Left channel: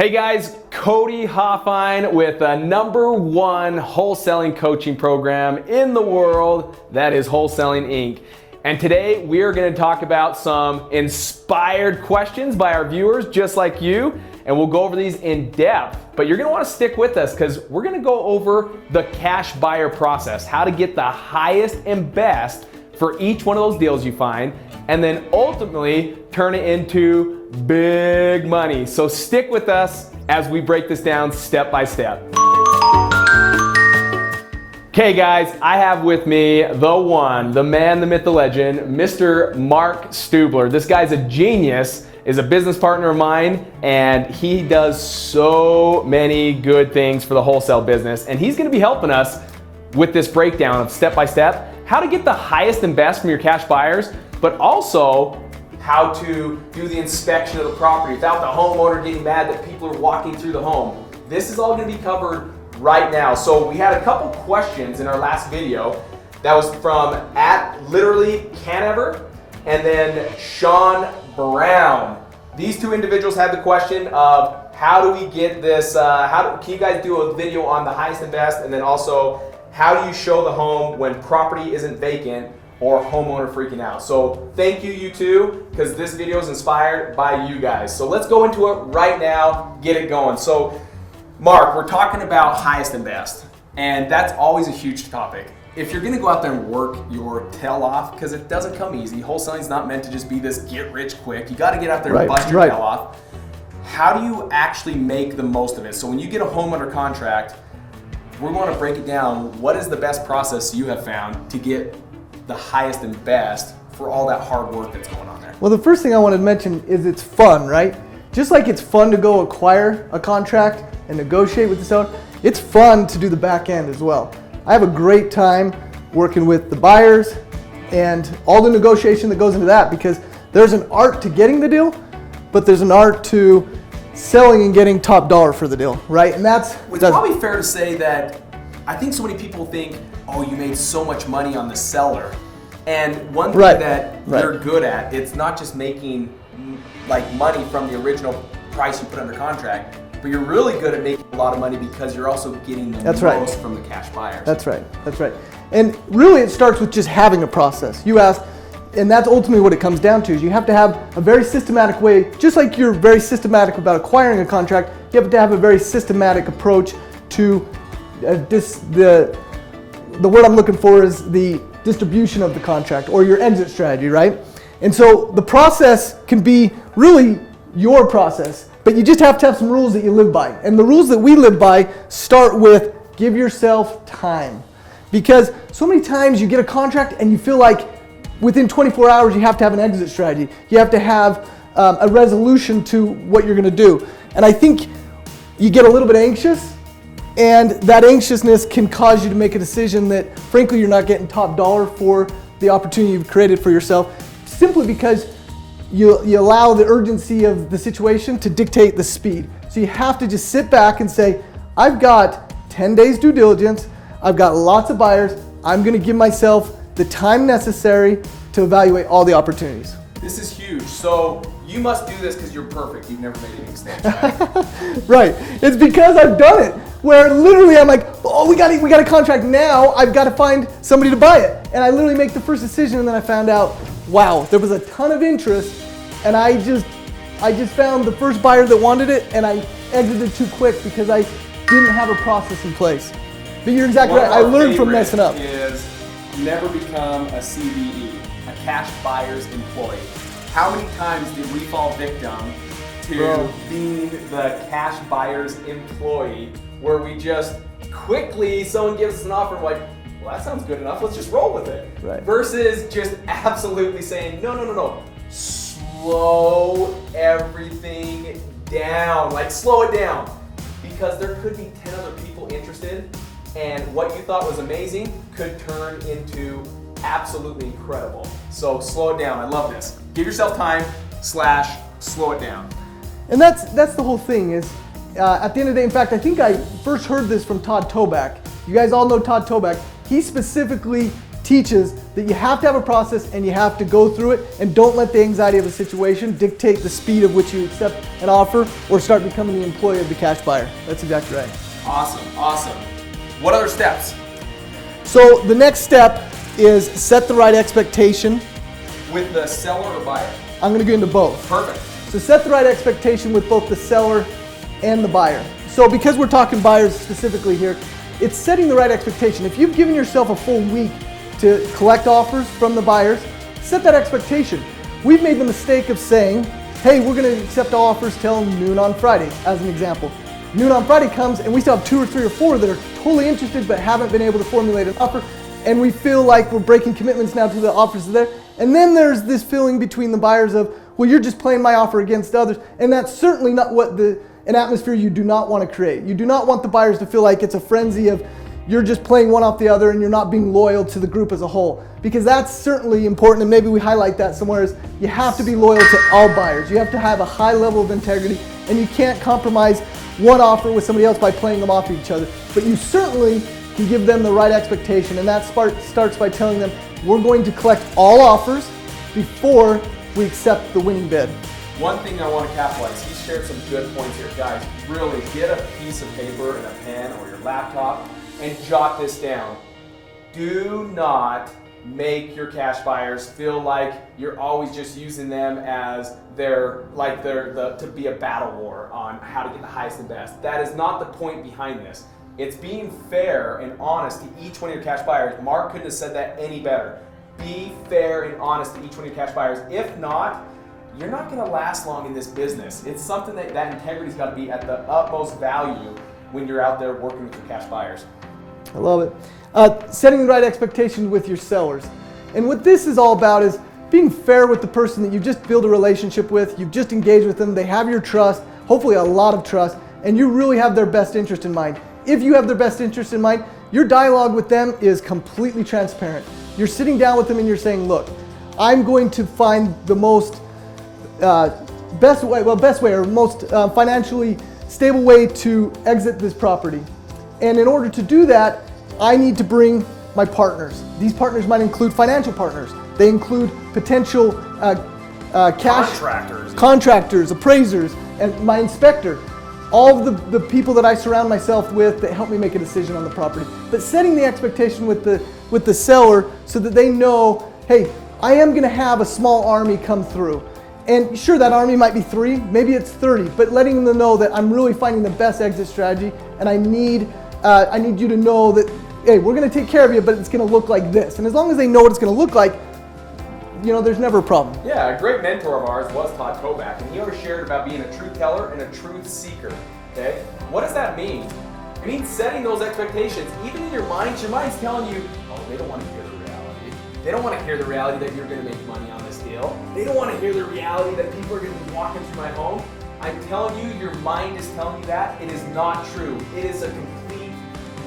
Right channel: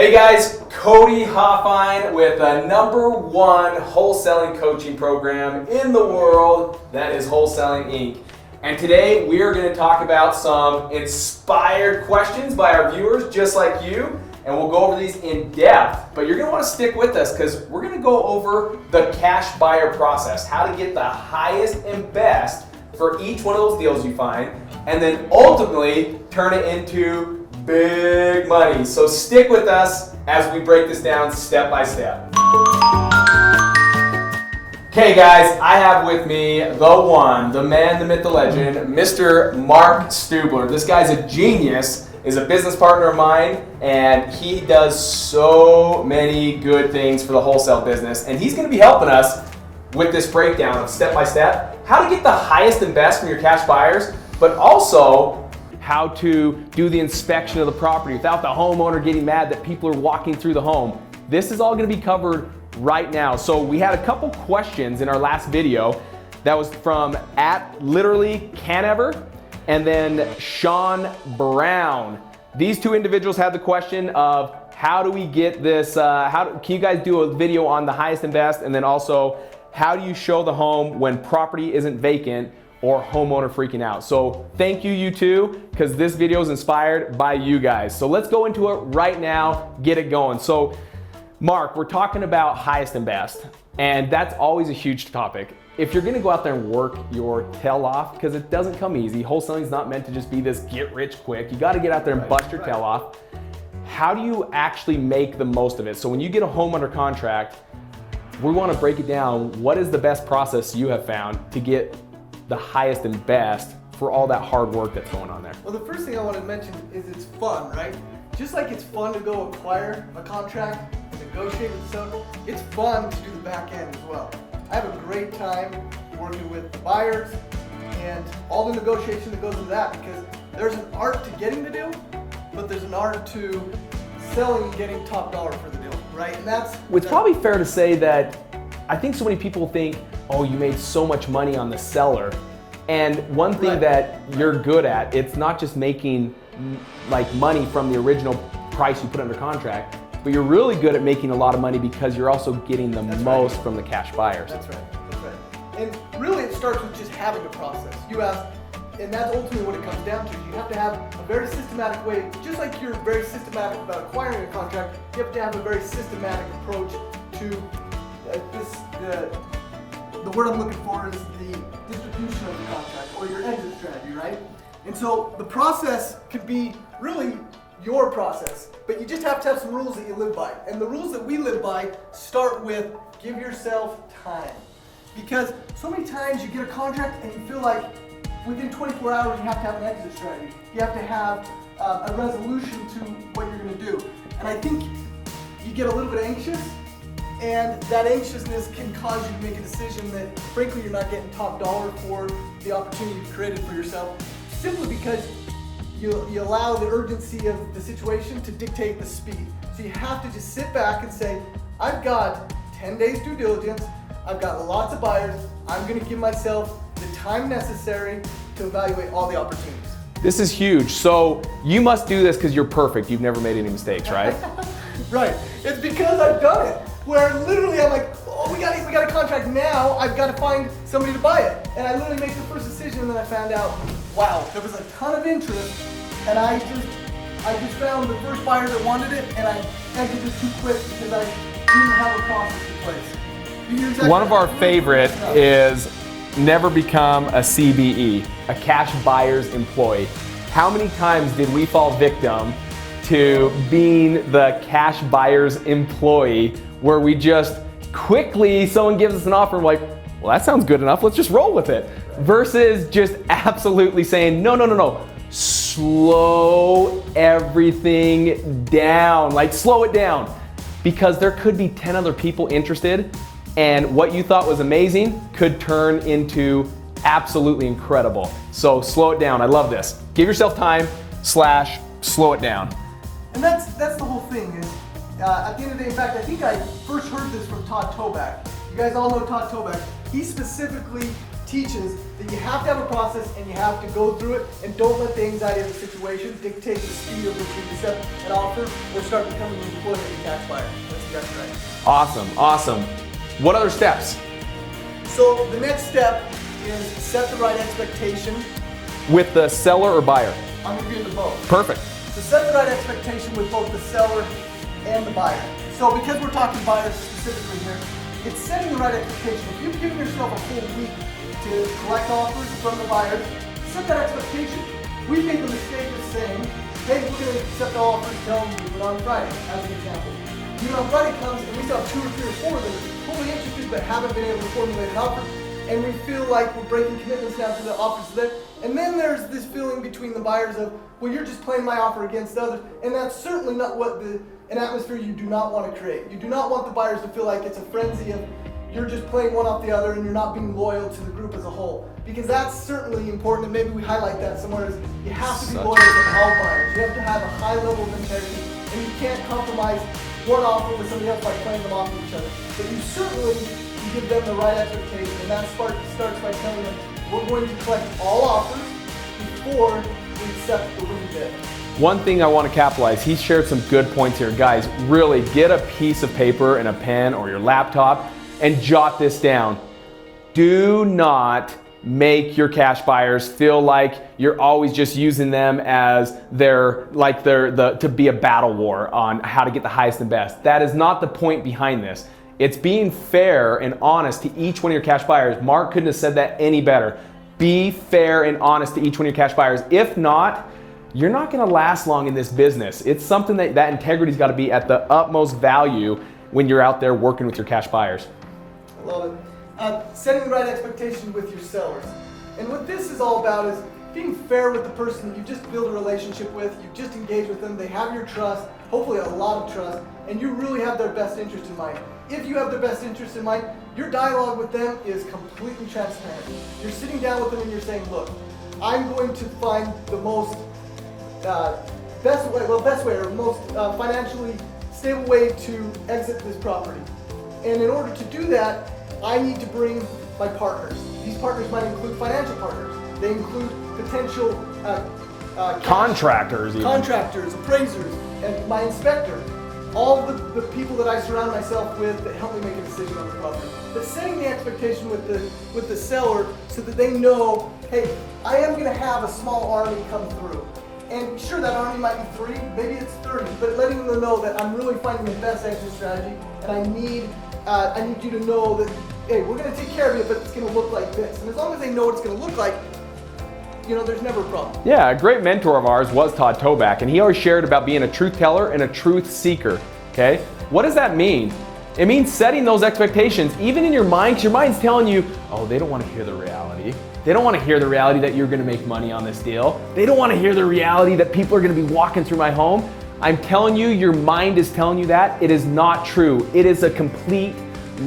Hey guys, Cody Hofhine with the #1 wholesaling coaching program in the world, that is Wholesaling Inc. And today we are going to talk about some inspired questions by our viewers just like you, and we'll go over these in depth, but you're going to want to stick with us because we're going to go over the cash buyer process, how to get the highest and best for each one of those deals you find, and then ultimately turn it into big money. So stick with us as we break this down step by step. Okay guys, I have with me the one, the man, the myth, the legend, Mr. Mark Stubler. This guy's a genius, is a business partner of mine, and he does so many good things for the wholesale business, and he's gonna be helping us with this breakdown of step by step, how to get the highest and best from your cash buyers, but also how to do the inspection of the property without the homeowner getting mad that people are walking through the home. This is all gonna be covered right now. So we had a couple questions in our last video that was from @literally_canever and then Sean Brown. These two individuals had the question of how do we get this, can you guys do a video on the highest and best, and then also how do you show the home when property isn't vacant or homeowner freaking out? So thank you, you two, because this video is inspired by you guys. So let's go into it right now, get it going. So Mark, we're talking about highest and best, and that's always a huge topic. If you're gonna go out there and work your tail off, because it doesn't come easy, wholesaling is not meant to just be this get rich quick. You gotta get out there and bust your tail off. How do you actually make the most of it? So when you get a home under contract, we wanna break it down. What is the best process you have found to get the highest and best for all that hard work that's going on there? Well, the first thing I wanted to mention is it's fun, right? Just like it's fun to go acquire a contract and negotiate with the seller, it's fun to do the back end as well. I have a great time working with the buyers and all the negotiation that goes into that, because there's an art to getting the deal, but there's an art to selling and getting top dollar for the deal, right? And it's probably fair to say that I think so many people think, oh, you made so much money on the seller. And one thing that you're good at, it's not just making like money from the original price you put under contract, but you're really good at making a lot of money because you're also getting the most from the cash buyers. That's right. And really it starts with just having a process. You asked, and that's ultimately what it comes down to, is you have to have a very systematic way, just like you're very systematic about acquiring a contract, you have to have a very systematic approach to the word I'm looking for is the distribution of the contract, or your exit strategy, right? And so the process can be really your process, but you just have to have some rules that you live by. And the rules that we live by start with give yourself time. Because so many times you get a contract and you feel like within 24 hours you have to have an exit strategy. You have to have a resolution to what you're gonna do. And I think you get a little bit anxious, and that anxiousness can cause you to make a decision that frankly you're not getting top dollar for the opportunity you've created for yourself, simply because you allow the urgency of the situation to dictate the speed. So you have to just sit back and say, I've got 10 days due diligence, I've got lots of buyers, I'm gonna give myself the time necessary to evaluate all the opportunities. This is huge. So you must do this because you're perfect. You've never made any mistakes, right? Right. It's because I've done it. Where literally I'm like, oh, we got a contract now. I've got to find somebody to buy it. And I literally make the first decision, and then I found out, wow, there was a ton of interest, and I just found the first buyer that wanted it, and I exited too quick because I didn't have a process in place. But you're exactly right. I learned from messing up. One of our favorite is never become a CBE, a cash buyer's employee. How many times did we fall victim to being the cash buyer's employee, where we just quickly, someone gives us an offer and we're like, well, that sounds good enough, let's just roll with it. Right. Versus just absolutely saying, no, slow everything down, like slow it down. Because there could be 10 other people interested, and what you thought was amazing could turn into absolutely incredible. So slow it down, I love this. Give yourself time / slow it down. And that's the whole thing is, at the end of the day, in fact, I think I first heard this from Todd Toback. You guys all know Todd Toback. He specifically teaches that you have to have a process and you have to go through it, and don't let the anxiety of the situation dictate the speed of which you accept an offer or start becoming the employee of the cash buyer. That's exactly right. Awesome, awesome. What other steps? So the next step is set the right expectation. With the seller or buyer? I'm going to get into both. Perfect. So set the right expectation with both the seller and the buyer. So because we're talking buyers specifically here, it's setting the right expectation. If you've given yourself a full week to collect offers from the buyers, set that expectation. We've made the mistake of saying, hey, we're going to accept offers till noon on Friday, as an example. Noon on Friday comes and we still have 2 or 3 or 4 that are totally interested but haven't been able to formulate an offer, and we feel like we're breaking commitments now to the offers there. And then there's this feeling between the buyers of, well, you're just playing my offer against others, and that's certainly not what an atmosphere you do not want to create. You do not want the buyers to feel like it's a frenzy of you're just playing one off the other and you're not being loyal to the group as a whole, because that's certainly important, and maybe we highlight that somewhere, is you have to be loyal to all buyers. You have to have a high level of integrity, and you can't compromise one offer with somebody else by playing them off each other. But you certainly can give them the right expectation, and that starts by telling them we're going to collect all offers before we accept the winning bid. One thing I want to capitalize, he shared some good points here. Guys, really get a piece of paper and a pen or your laptop and jot this down. Do not make your cash buyers feel like you're always just using them as to be a battle war on how to get the highest and best. That is not the point behind this. It's being fair and honest to each one of your cash buyers. Mark couldn't have said that any better. Be fair and honest to each one of your cash buyers. If not, you're not going to last long in this business. It's something that integrity's got to be at the utmost value when you're out there working with your cash buyers. I love it. Setting the right expectations with your sellers. And what this is all about is being fair with the person that you just build a relationship with, you've just engaged with them, they have your trust, hopefully a lot of trust, and you really have their best interest in mind. If you have their best interest in mind, your dialogue with them is completely transparent. You're sitting down with them and you're saying, look, I'm going to find the most best way or most financially stable way to exit this property. And in order to do that, I need to bring my partners. These partners might include financial partners. They include potential contractors, appraisers, and my inspector. All of the people that I surround myself with that help me make a decision on the property. But setting the expectation with the seller so that they know, hey, I am going to have a small army come through. And sure, that army might be 3, maybe it's 30, but letting them know that I'm really finding the best exit strategy, and I need you to know that, hey, we're going to take care of you, but it's going to look like this. And as long as they know what it's going to look like, there's never a problem. Yeah, a great mentor of ours was Todd Toback, and he always shared about being a truth teller and a truth seeker, okay? What does that mean? It means setting those expectations, even in your mind, 'cause your mind's telling you, oh, they don't want to hear the reality. They don't want to hear the reality that you're going to make money on this deal. They don't want to hear the reality that people are going to be walking through my home. I'm telling you, your mind is telling you that. It is not true. It is a complete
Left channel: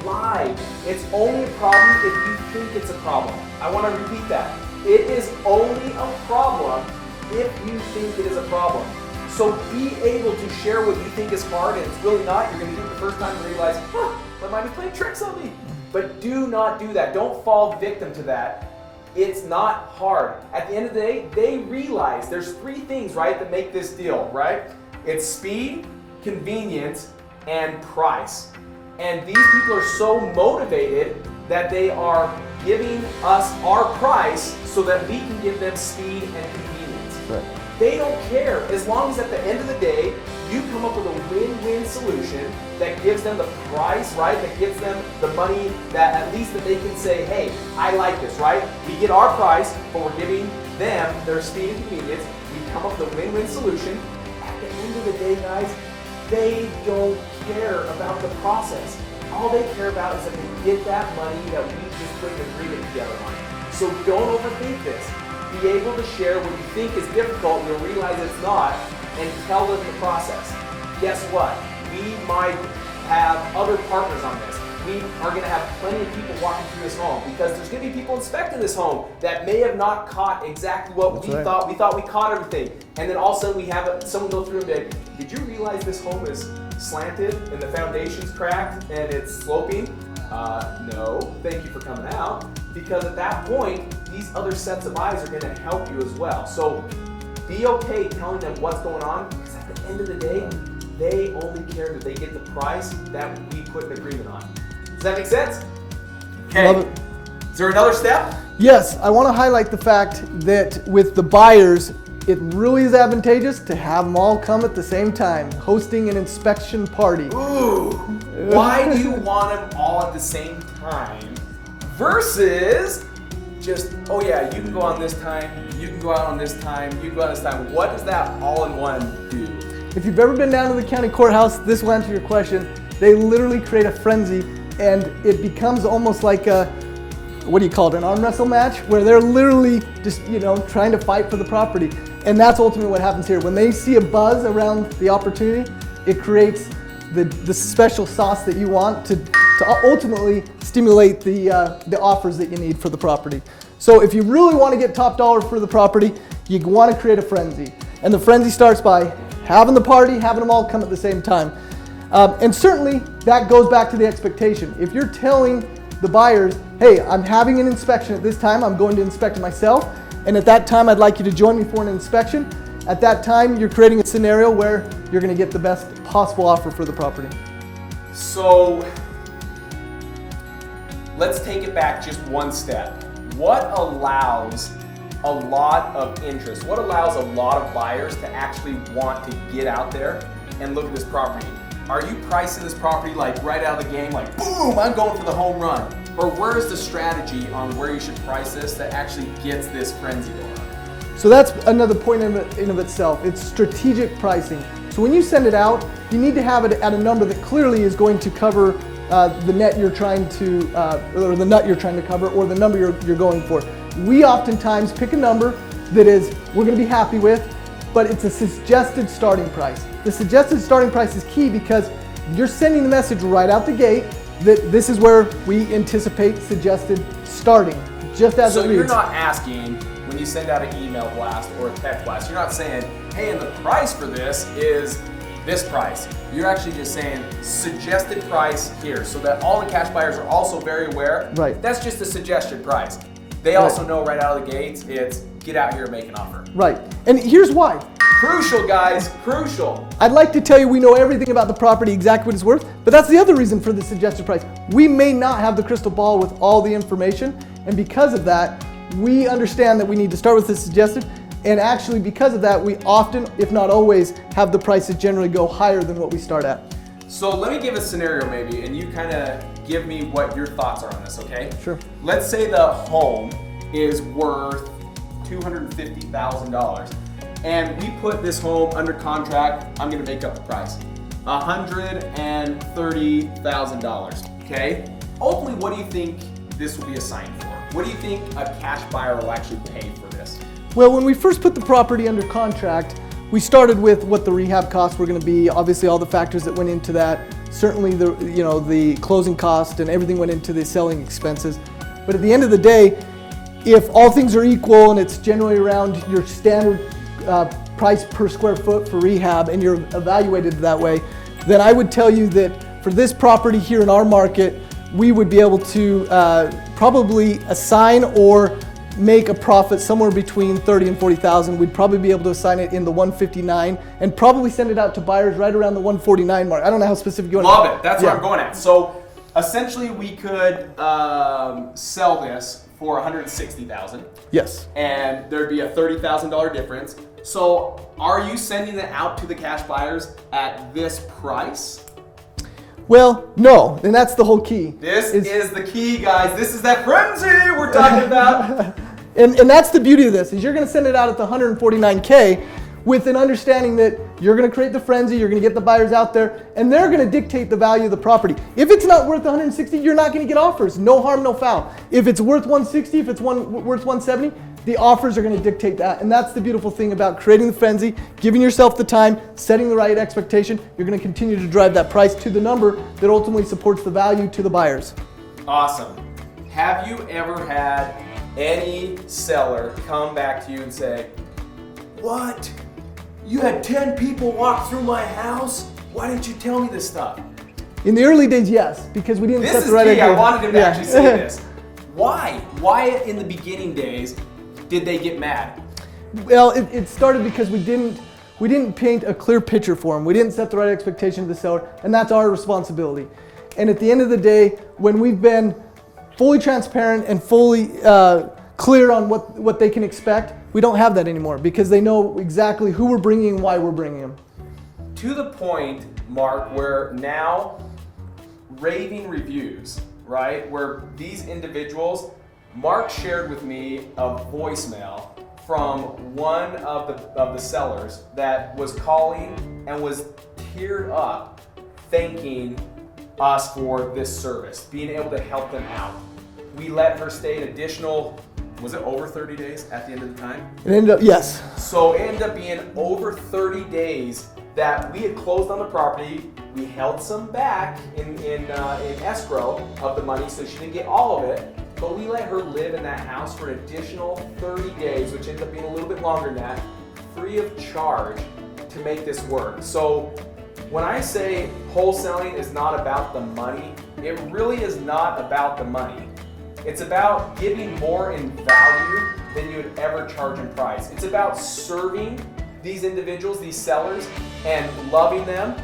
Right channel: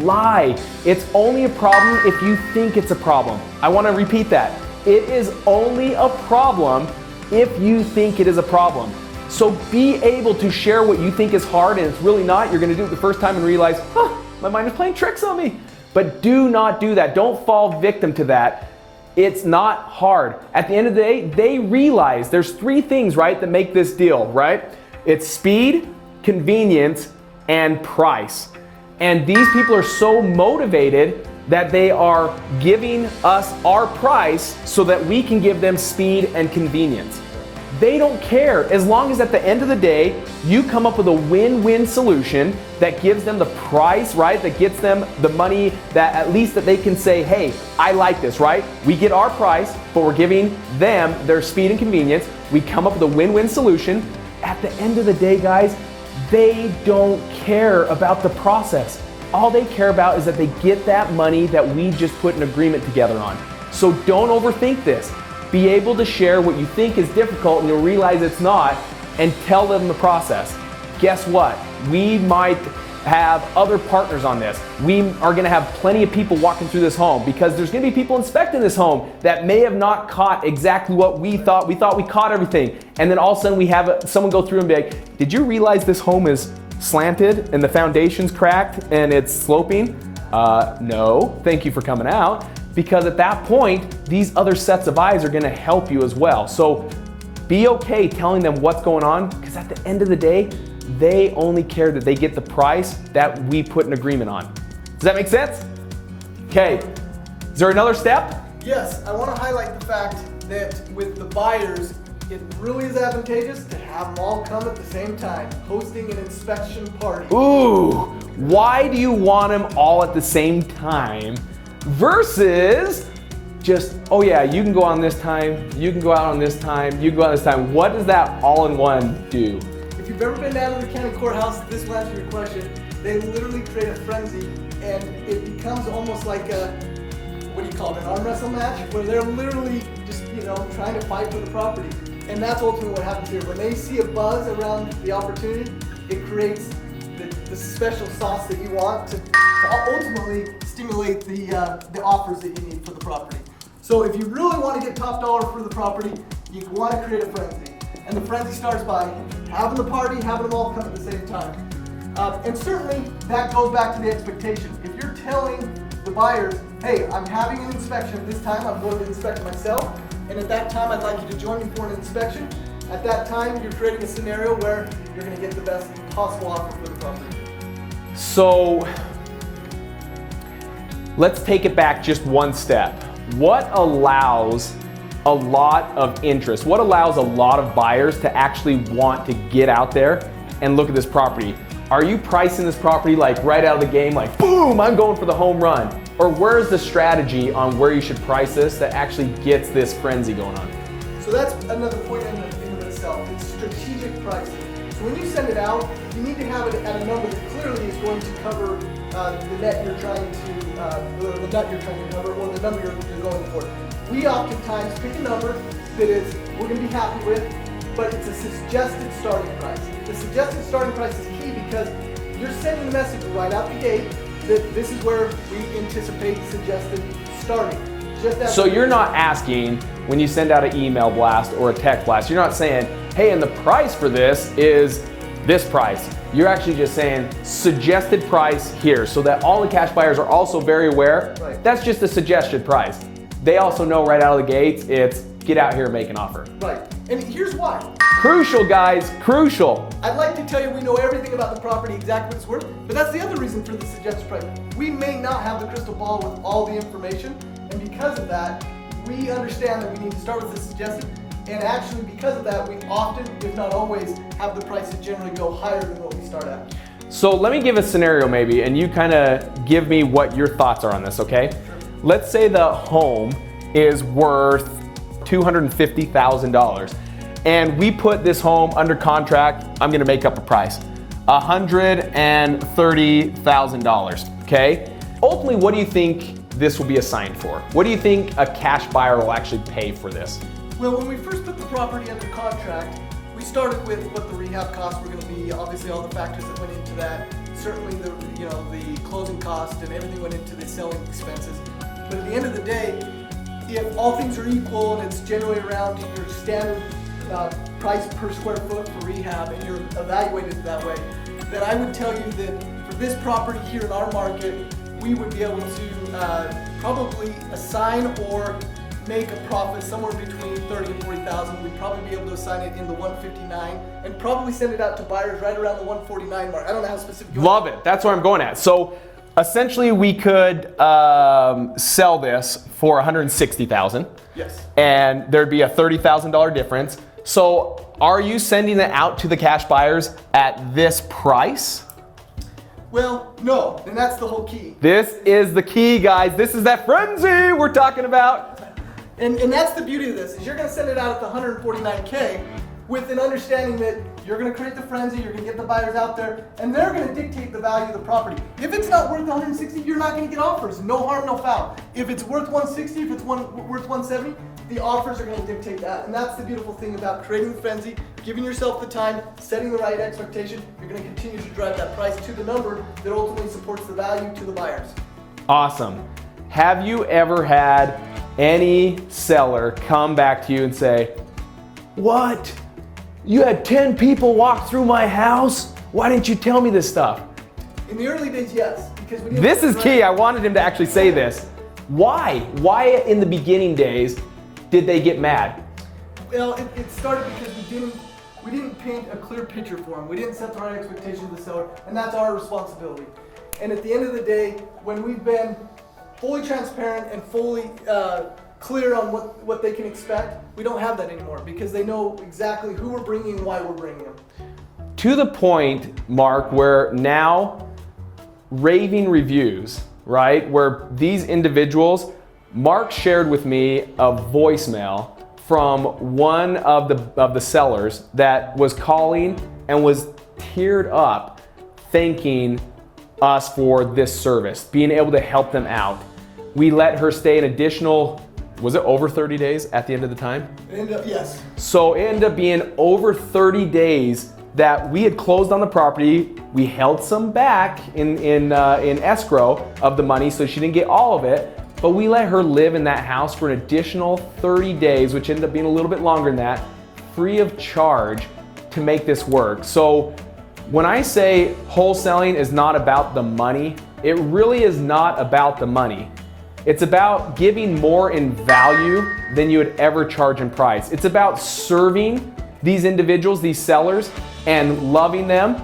lie. It's only a problem if you think it's a problem. I want to repeat that. It is only a problem if you think it is a problem. So be able to share what you think is hard and it's really not. You're going to do it the first time and realize, oh, my mind is playing tricks on me. But do not do that. Don't fall victim to that. It's not hard. At the end of the day, they realize there's 3 things, right, that make this deal, right? It's speed, convenience, and price. And these people are so motivated that they are giving us our price so that we can give them speed and convenience. Right. They don't care as long as at the end of the day, you come up with a win-win solution that gives them the price, right? That gets them the money that at least that they can say, hey, I like this, right? We get our price, but we're giving them their speed and convenience. We come up with a win-win solution. At the end of the day, guys, they don't care about the process. All they care about is that they get that money that we just put an agreement together on. So don't overthink this. Be able to share what you think is difficult and you'll realize it's not, and tell them the process. Guess what? We might have other partners on this. We are going to have plenty of people walking through this home because there's going to be people inspecting this home that may have not caught exactly what we thought. We thought we caught everything. And then all of a sudden we have someone go through and be like, did you realize this home is slanted and the foundation's cracked and it's sloping? No, thank you for coming out. because at that point, these other sets of eyes are gonna help you as well. So be okay telling them what's going on, because at the end of the day, they only care that they get the price that we put an agreement on. Does that make sense? Okay, is there another step? Yes, I want to highlight the fact that with the buyers, it really is advantageous to have them all come at the same time, hosting an inspection party. Ooh, why do you want them all at the same time versus just, oh yeah, you can go on this time, you can go out on this time, you can go on this time. What does that all-in-one do? If you've ever been down to the county courthouse, this will answer your question. They literally create a frenzy, and it becomes almost like a, what do you call it, an arm wrestle match, where they're literally just, trying to fight for the property. And that's ultimately what happens here. When they see a buzz around the opportunity, it creates the special sauce that you want to ultimately stimulate the offers that you need for the property. So if you really want to get top dollar for the property, you want to create a frenzy. And the frenzy starts by having the party, having them all come at the same time. And certainly that goes back to the expectation. If you're telling the buyers, hey, I'm having an inspection at this time, I'm going to inspect it myself, and at that time I'd like you to join me for an inspection. At that time, you're creating a scenario where you're going to get the best possible offer for the property. So let's take it back just one step. What allows a lot of interest? What allows a lot of buyers to actually want to get out there and look at this property? Are you pricing this property like right out of the game, like boom, I'm going for the home run? Or where's the strategy on where you should price this that actually gets this frenzy going on? So that's another point in of itself. It's strategic pricing. So when you send it out, you need to have it at a number that clearly is going to cover the net you're trying to, or the nut you're trying to cover, or the number you're going for. We oftentimes pick a number that is we're going to be happy with, but it's a suggested starting price. The suggested starting price is key because you're sending the message right out the gate that this is where we anticipate suggested starting. Just as so you're not asking when you send out an email blast or a text blast, you're not saying, hey, and the price for this is this price. You're actually just saying suggested price here, so that all the cash buyers are also very aware. Right. That's just a suggested price. They also know right out of the gates, it's get out here and make an offer. Right. And here's why. Crucial, guys, crucial. I'd like to tell you we know everything about the property, exactly what it's worth, but that's the other reason for the suggested price. We may not have the crystal ball with all the information, and because of that, we understand that we need to start with the suggested, and actually because of that, we often, if not always, have the prices generally go higher than what we start at. So let me give a scenario maybe, and you kind of give me what your thoughts are on this, okay? Sure. Let's say the home is worth $250,000. And we put this home under contract, I'm gonna make up a price, $130,000, okay? Ultimately, what do you think this will be assigned for? What do you think a cash buyer will actually pay for this? Well, when we first put the property under contract, we started with what the rehab costs were gonna be, obviously all the factors that went into that, certainly the closing cost and everything went into the selling expenses. But at the end of the day, if all things are equal and it's generally around your standard price per square foot for rehab and you're evaluated that way, then I would tell you that for this property here in our market, we would be able to probably assign or make a profit somewhere between 30 and 40,000. We'd probably be able to assign it in the 159 and probably send it out to buyers right around the 149 mark. I don't know how specific you want. Love it. That's what I'm going at. So essentially, we could sell this for $160,000. Yes. And there'd be a $30,000 difference. So are you sending it out to the cash buyers at this price? Well, no, and that's the whole key. This is the key, guys. This is that frenzy we're talking about. and that's the beauty of this, is you're gonna send it out at the 149K with an understanding that you're gonna create the frenzy, you're gonna get the buyers out there, and they're gonna dictate the value of the property. If it's not worth 160, you're not gonna get offers. No harm, no foul. If it's worth 160, if it's worth 170, the offers are gonna dictate that. And that's the beautiful thing about creating the frenzy, giving yourself the time, setting the right expectation. You're gonna continue to drive that price to the number that ultimately supports the value to the buyers. Awesome. Have you ever had any seller come back to you and say, what? You had 10 people walk through my house? Why didn't you tell me this stuff? In the early days, yes, because we didn't. This is key. I wanted him to actually say this. Why? Why in the beginning days did they get mad? Well, it started because we didn't paint a clear picture for them. We didn't set the right expectation of the seller, and that's our responsibility. And at the end of the day, when we've been fully transparent and fully clear on what they can expect, we don't have that anymore because they know exactly who we're bringing and why we're bringing them. To the point, Mark, where now raving reviews, right? Where these individuals, Mark shared with me a voicemail from one of the sellers that was calling and was teared up thanking us for this service, being able to help them out. We let her stay an additional, was it over 30 days at the end of the time? It ended up, yes. So it ended up being over 30 days that we had closed on the property. We held some back in escrow of the money, so she didn't get all of it, but we let her live in that house for an additional 30 days, which ended up being a little bit longer than that, free of charge to make this work. So when I say wholesaling is not about the money, it really is not about the money. It's about giving more in value than you would ever charge in price. It's about serving these individuals, these sellers, and loving them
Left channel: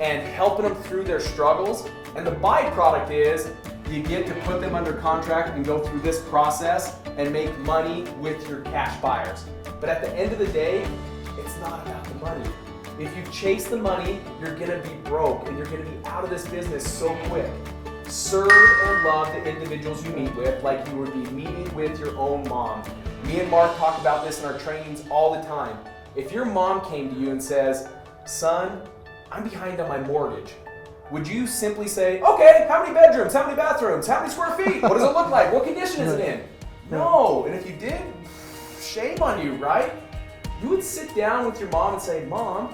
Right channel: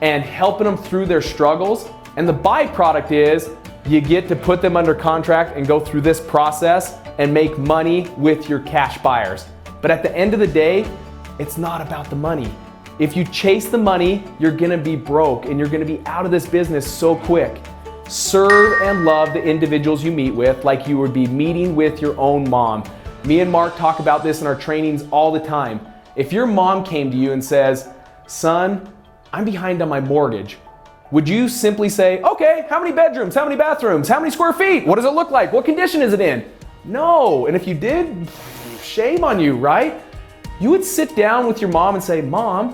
and helping them through their struggles. And the byproduct is you get to put them under contract and go through this process and make money with your cash buyers. But at the end of the day, it's not about the money. If you chase the money, you're gonna be broke and you're gonna be out of this business so quick. Serve and love the individuals you meet with like you would be meeting with your own mom. Me and Mark talk about this in our trainings all the time. If your mom came to you and says, son, I'm behind on my mortgage, would you simply say, okay, how many bedrooms, how many bathrooms, how many square feet, what does it look like, what condition is it in? No, and if you did, shame on you, right? You would sit down with your mom and say, Mom,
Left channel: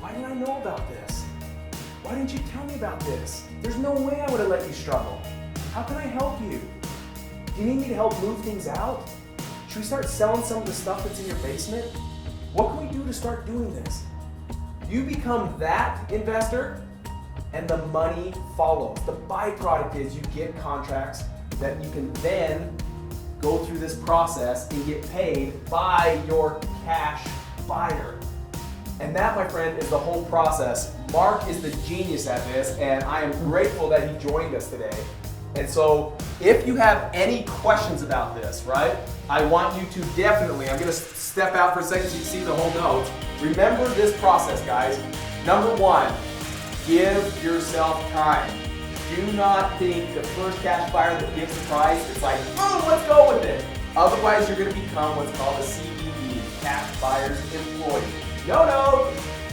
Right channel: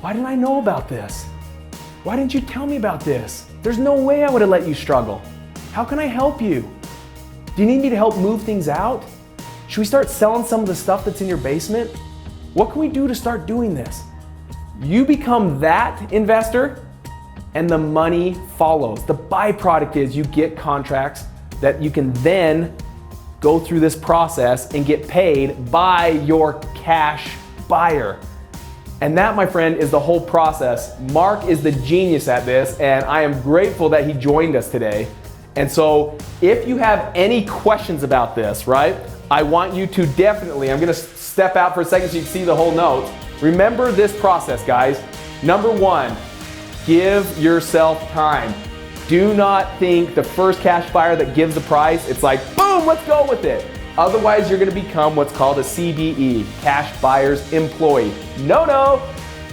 why didn't I know about this? Why didn't you tell me about this? There's no way I would have let you struggle. How can I help you? Do you need me to help move things out? Should we start selling some of the stuff that's in your basement? What can we do to start doing this? You become that investor and the money follows. The byproduct is you get contracts that you can then go through this process and get paid by your cash buyer. And that, my friend, is the whole process. Mark is the genius at this, and I am grateful that he joined us today. And so if you have any questions about this, right, I want you to definitely, I'm gonna step out for a second so you can see the whole notes. Remember this process, guys. Number one, give yourself time. Do not think the first cash buyer that gives the price, it's like, boom, let's go with it. Otherwise, you're gonna become what's called a CBE, cash buyer's employee. No.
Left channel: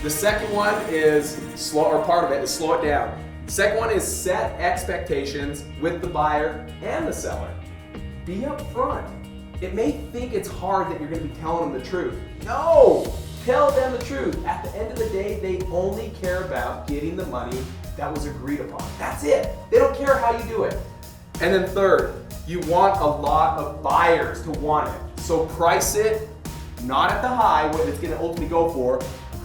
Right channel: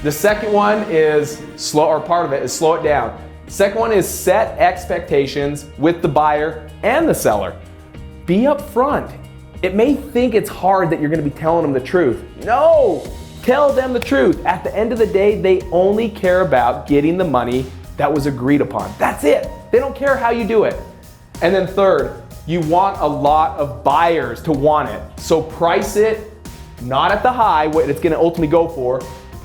The second one is slow, or part of it is slow it down. Second one is set expectations with the buyer and the seller. Be upfront. It may think it's hard that you're gonna be telling them the truth. No, tell them the truth. At the end of the day, they only care about getting the money that was agreed upon. That's it. They don't care how you do it. And then third, you want a lot of buyers to want it. So price it not at the high, what it's gonna ultimately go for,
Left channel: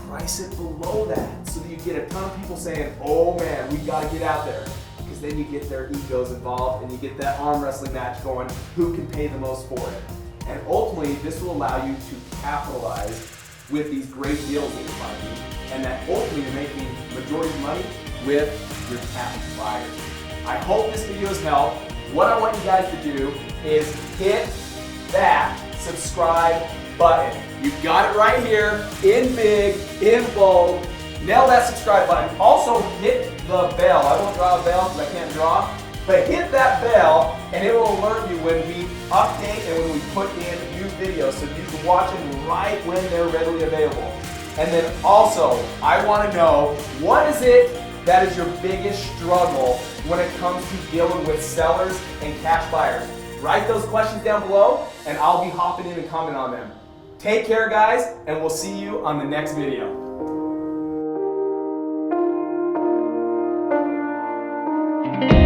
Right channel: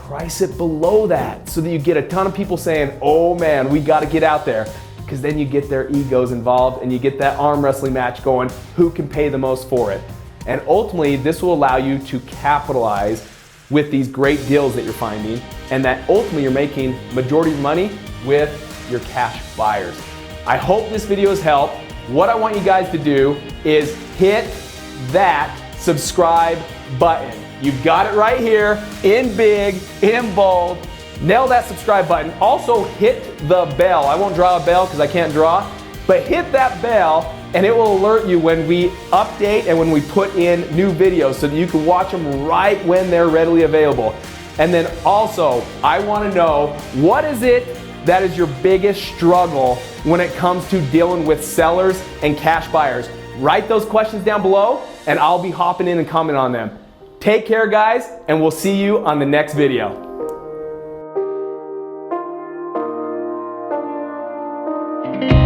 price it below that so that you get a ton of people saying, oh man, we gotta get out there. Because then you get their egos involved and you get that arm wrestling match going, who can pay the most for it? And ultimately, this will allow you to capitalize with these great deals that you're finding, and that ultimately you're making majority of money with your cash buyers. I hope this video has helped. What I want you guys to do is hit that subscribe button. You've got it right here, in big, in bold. Nail that subscribe button. Also hit the bell. I won't draw a bell because I can't draw, but hit that bell and it will alert you when we update and when we put in new videos so that you can watch them right when they're readily available. And then also, I want to know, what is it that is your biggest struggle when it comes to dealing with sellers and cash buyers? Write those questions down below and I'll be hopping in and commenting on them. Take care, guys, and we'll see you on the next video. Thank you.